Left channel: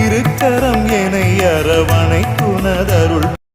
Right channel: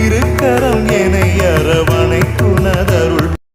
திருக்கரம் என அரவணை துணதருள்